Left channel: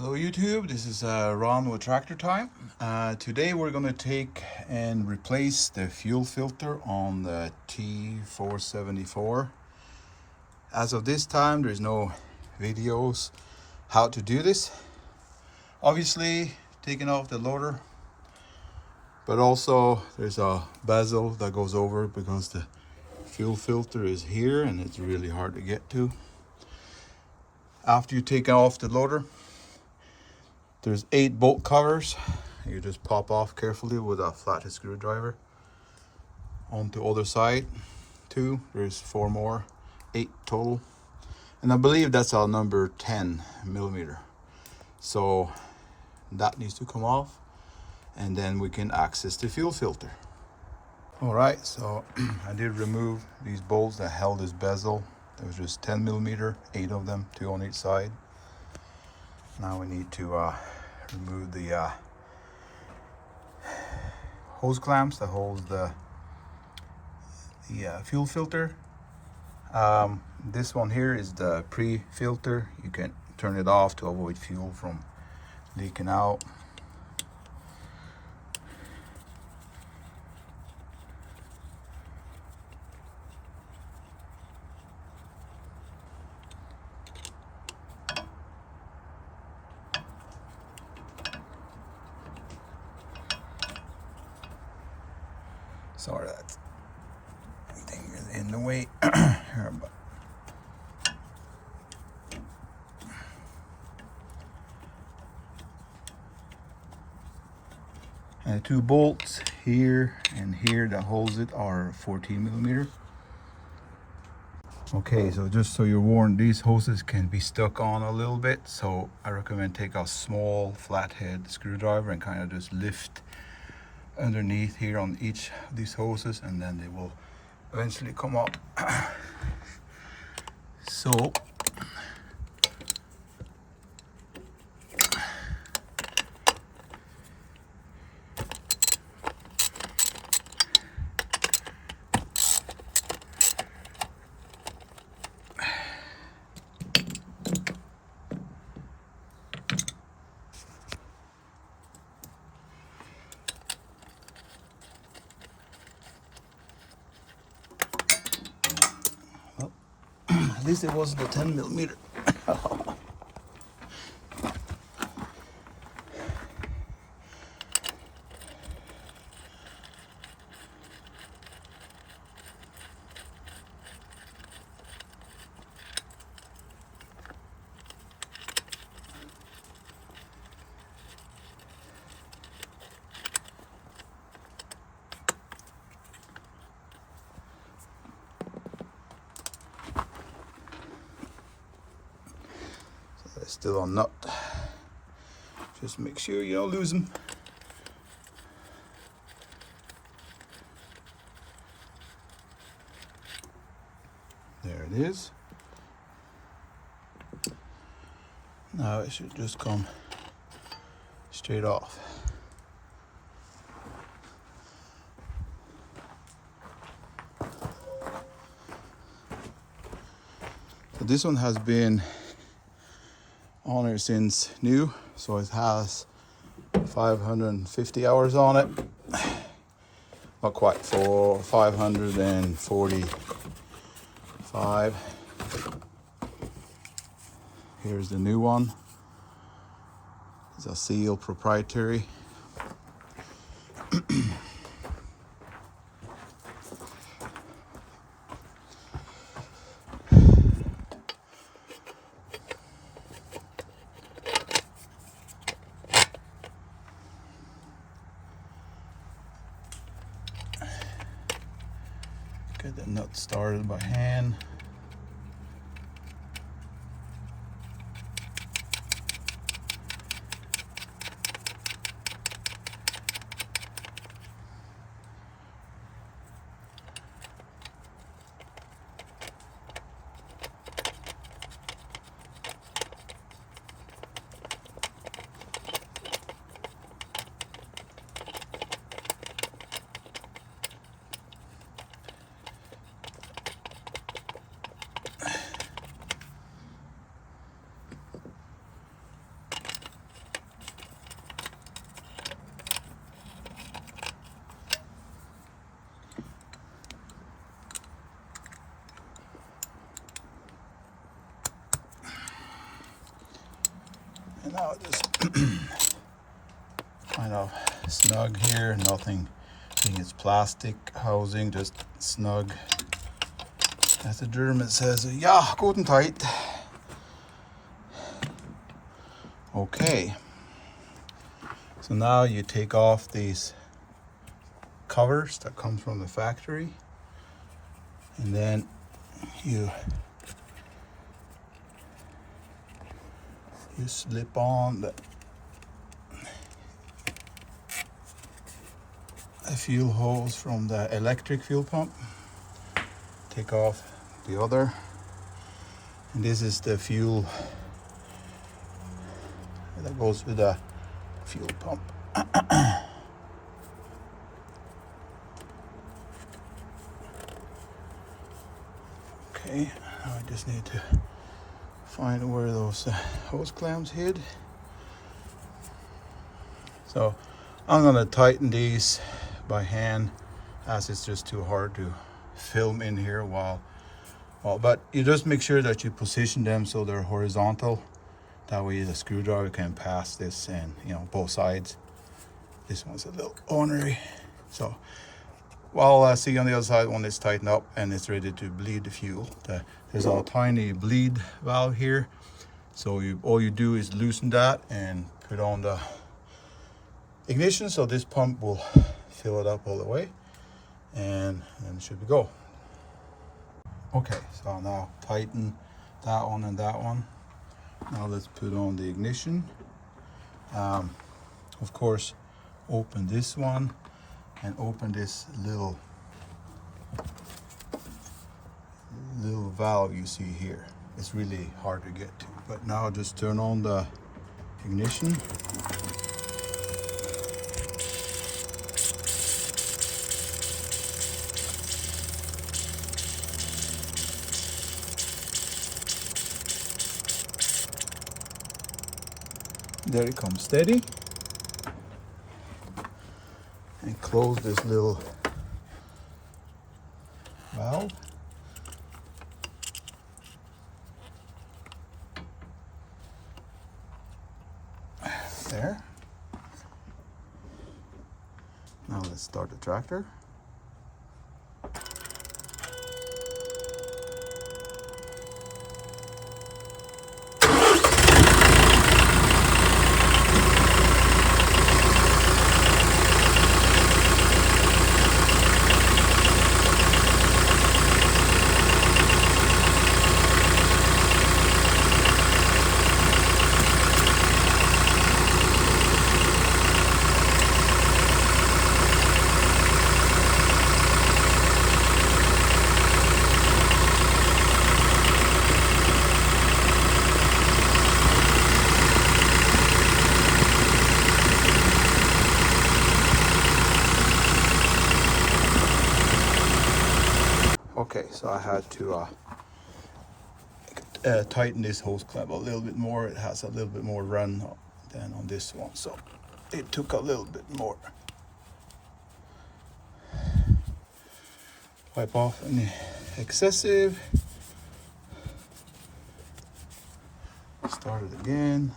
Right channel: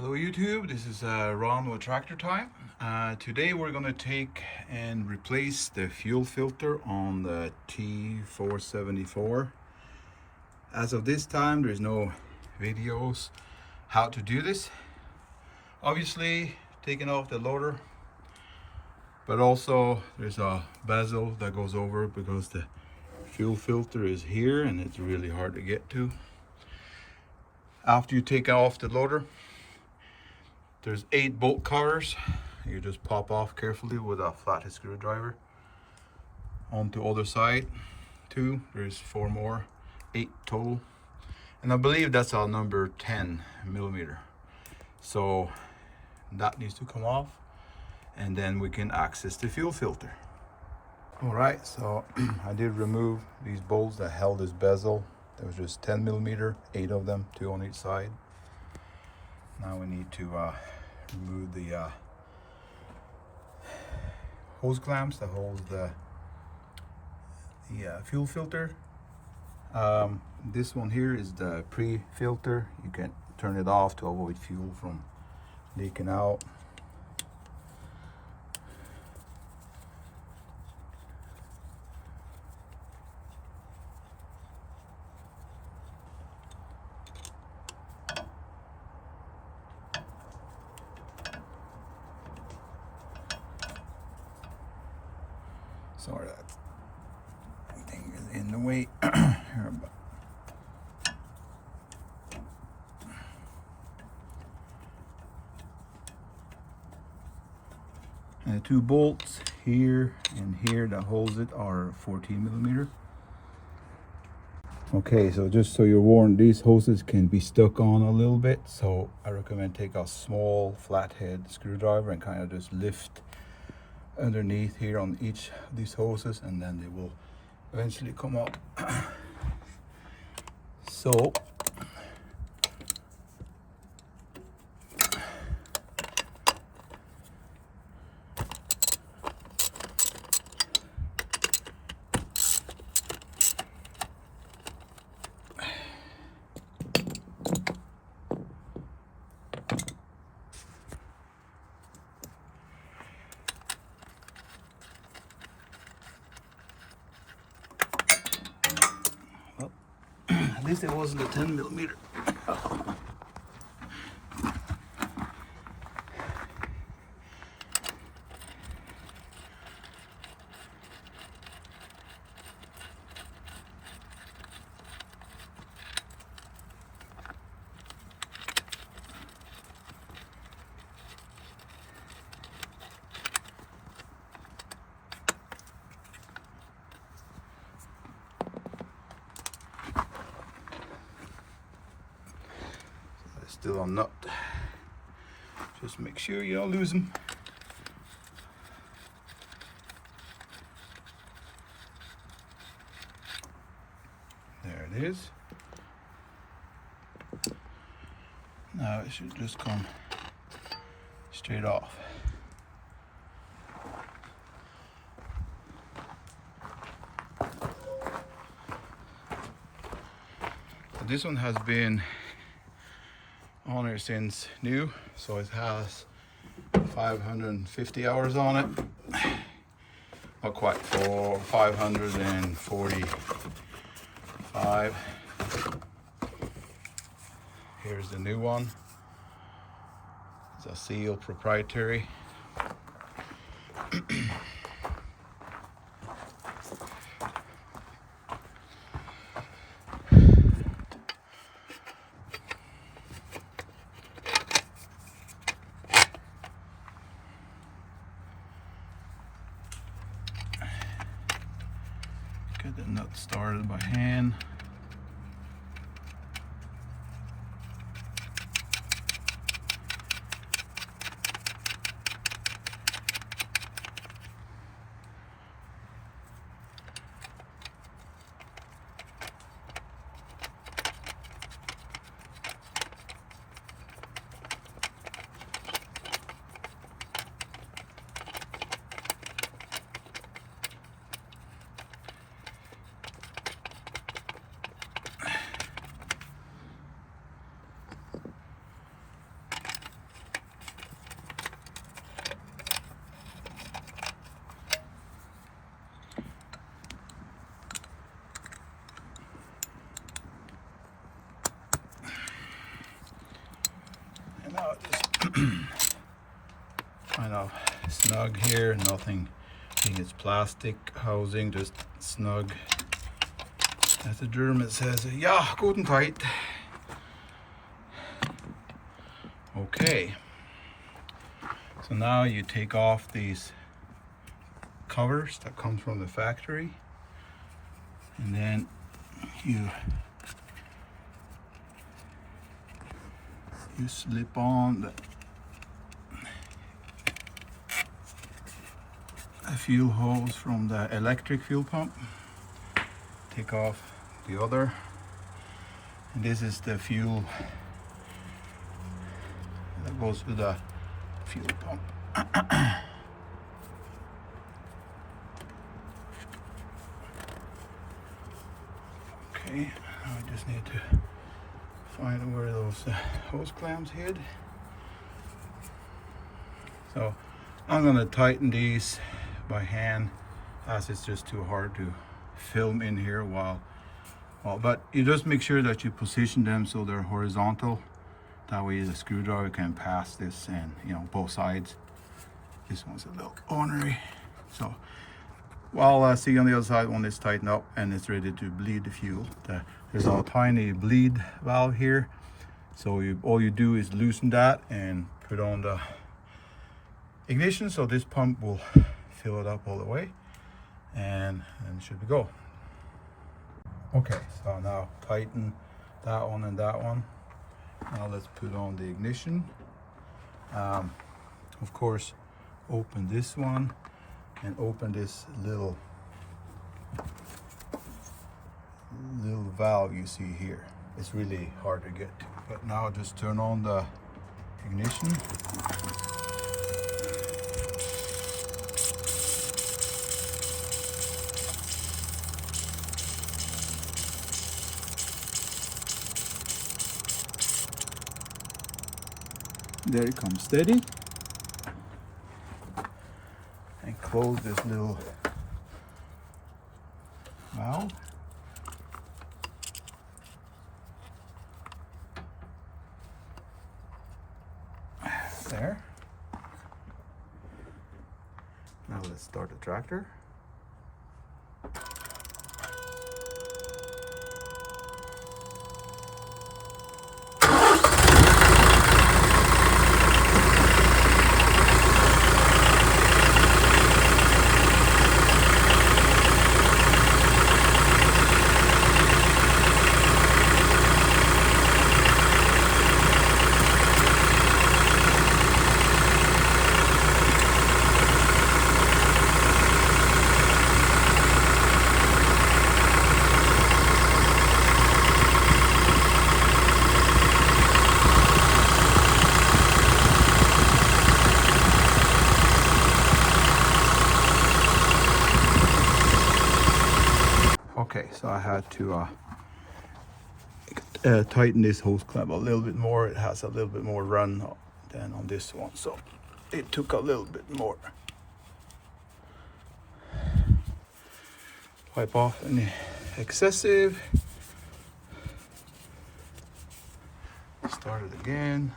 Hello YouTube, this is Ron with Tractor Time. Today we're going to take and replace the fuel filter on the T474. As of this time, there's no videos how to do this. Obviously taking off the loader, but also there's a bezel that goes over because the fuel filter is here and it's really hard to get to. After you take off the loader, there's 8 bolt covers. You just pop off carefully with a flathead screwdriver. On the other side, 2. There's 4 more, 8 total. And I believe that's our number 10 millimeter. So that needs to come off, and then we can access the fuel filter. All right, so I did remove these bolts that held this bezel. There was just 10 millimeter, 8 of them, 2 on each side. Now we need to remove the hose clamps that hold the fuel filter. This one here is the pre-filter. You can turn it off to avoid fuel from leaking out. Sorry, that thing is in the way. Here, but and the 2 bolts here and here that holds it are 14 millimeter. Okay, so just so you're warned, these hoses can be stuck on a little bit, so I recommend take a small flathead screwdriver and kind of just lift underneath here on each of these hoses, and then they will eventually come up. So at least it wasn't a 10 millimeter. Still a nut. Just make sure you don't lose them. There it is. Now it should just come straight off. So this one has been on it since new, so it has 550 hours on it. Not quite, for 545. Here's the new one. It's a Seal proprietary. Get the nut started by hand. snug here, nothing. I think it's plastic housing, just snug. As the German says, yeah, good and tight. Okay. So now you take off these covers that come from the factory, and then you slip on the fuel hose from the electric fuel pump. Take off the other, and this is the fuel that goes with the fuel pump. Okay, I just need to find where those hose clamps hid. So I'm gonna tighten these by hand, as it's just too hard to film in here but you just make sure that you position them so they're horizontal. That way the screwdriver can pass this, and both sides. This one's a little ornery. So while see on the other side when it's tightened up and it's ready to bleed the fuel. There's a tiny bleed valve here. So all you do is loosen that and put on the ignition, so this pump will fill it up all the way, and then it should go. Okay, so now tighten that one and that one. Now let's put on the ignition. Of course, open this one and open this little valve you see here. It's really hard to get to, but now just turn on the ignition. There it comes steady. And close this little valve. There. Now let's start the tractor. Okay, so I had to tighten this hose clamp a little bit more. It has a little bit more run than on this one, so it took a little bit more. Wipe off any excessive. Start it again.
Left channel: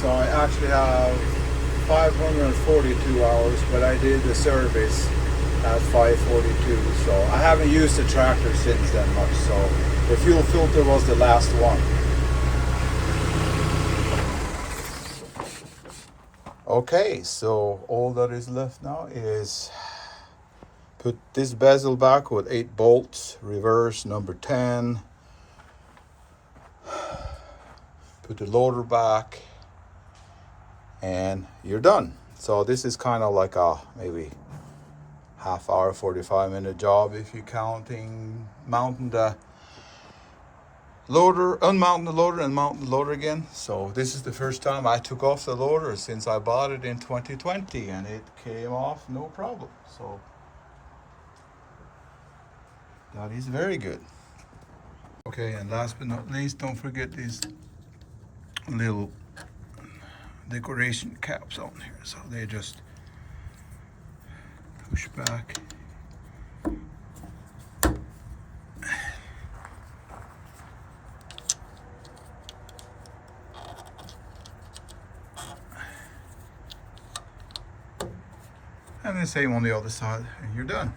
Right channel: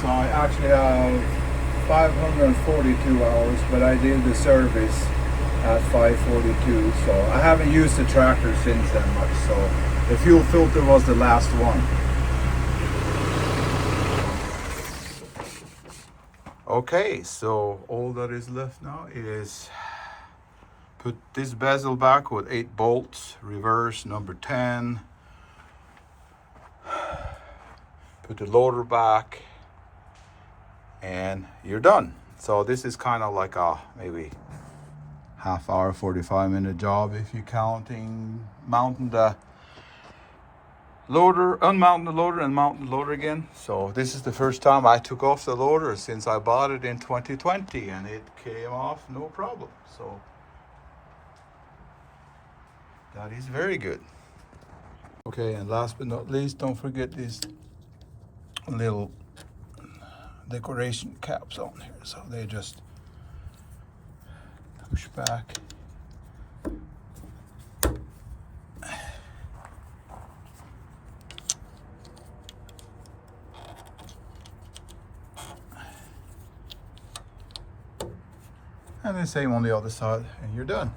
So I actually have 542 hours, but I did the service at 542. So I haven't used the tractor since then much. So the fuel filter was the last one. Okay, so all that is left now is put this bezel back with 8 bolts, reverse number 10. Put the loader back, and you're done. So this is kind of like a maybe half hour, 45-minute job if you're counting mounting the loader, unmounting the loader and mounting the loader again. So this is the first time I took off the loader since I bought it in 2020, and it came off no problem. So that is very good. Okay, and last but not least, don't forget these little decoration caps on here. So they just push back. And the same on the other side, and you're done.